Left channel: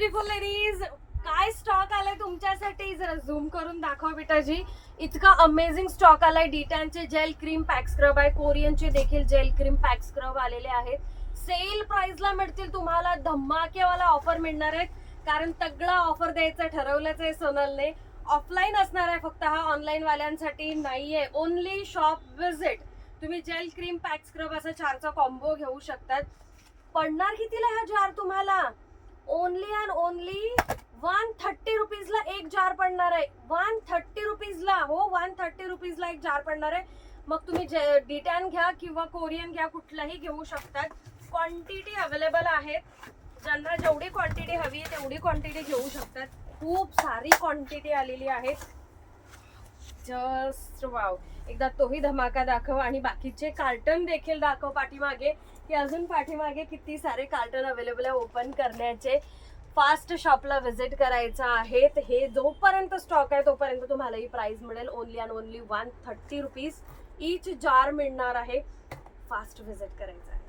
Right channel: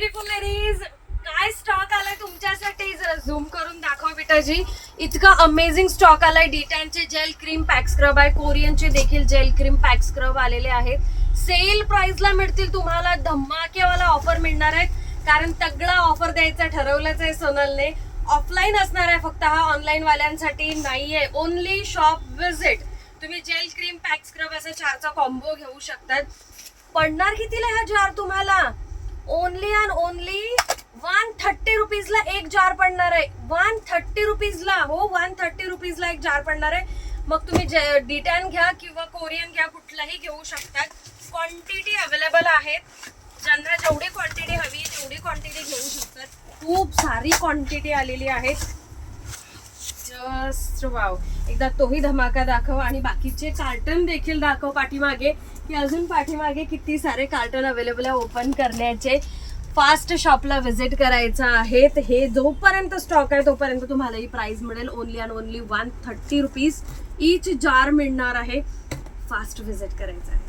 Beautiful ladies, काय stock आलाय तुमच्यासाठी जरा झूम करून दाखव बेटाजी. इतका अमेझिंग स्टॉक आलाय. डिटॅनचे जेल क्रीम पॅक स्क्रब आहे, कोरियनचे देखील जेल क्रीम पॅक स्क्रब आलेले आहेत. सेल प्राइसला मिळतील तुम्हाला, धमाकेवाला ऑफर मिळणार आहे. कारण तगडा ऑफर द्यायचा ठरवलंच आहे सोनलने. ऑफलाईन असणार आहे फक्त, हा ऑनलाईन वाल्यांसाठी नाहीये. Only shop visit. तुम्ही जेल क्रीम पॅक स्क्रब असा 4चा कॉम्बो घेऊ शकतात. पडणार कितीला हा जार तुम्हाला? ओनली अँड ओनली 130 रुपीजला एक जार पडणार आहे. 130 रुपीजला, हो 130 रुपीजला एक जार पडणार आहे. मग तुम्ही डिटॅन घ्या किंवा कोरियन घ्या, कुठलाही घेऊ शकतात. क्वांटिटी अवेलेबल आहेत. ज्यांना जेवढी क्वांटिटी हवी आहे तेवढी क्वांटिटी घेऊ शकतात. खूप सारी क्वांटिटी आलेली आहे. Just wow. एकदा तोही धमाका दाखव आणि बाकीचे कार्टन देखील दाखव पाठीमागे, की अजून पाठीमागे किती सारे कार्टन अवेलेबल आहे ओपन करण्याचे. फास्ट शॉपला व्हिजिट करायचं आहे. हे जोपर्यंत स्टॉक आहे तोपर्यंत तुम्हाला ही प्राइस मिळेल. Only and only 130 rupees each jar मिळणार आहे. फास्ट व्हिजिट करायचं आहे.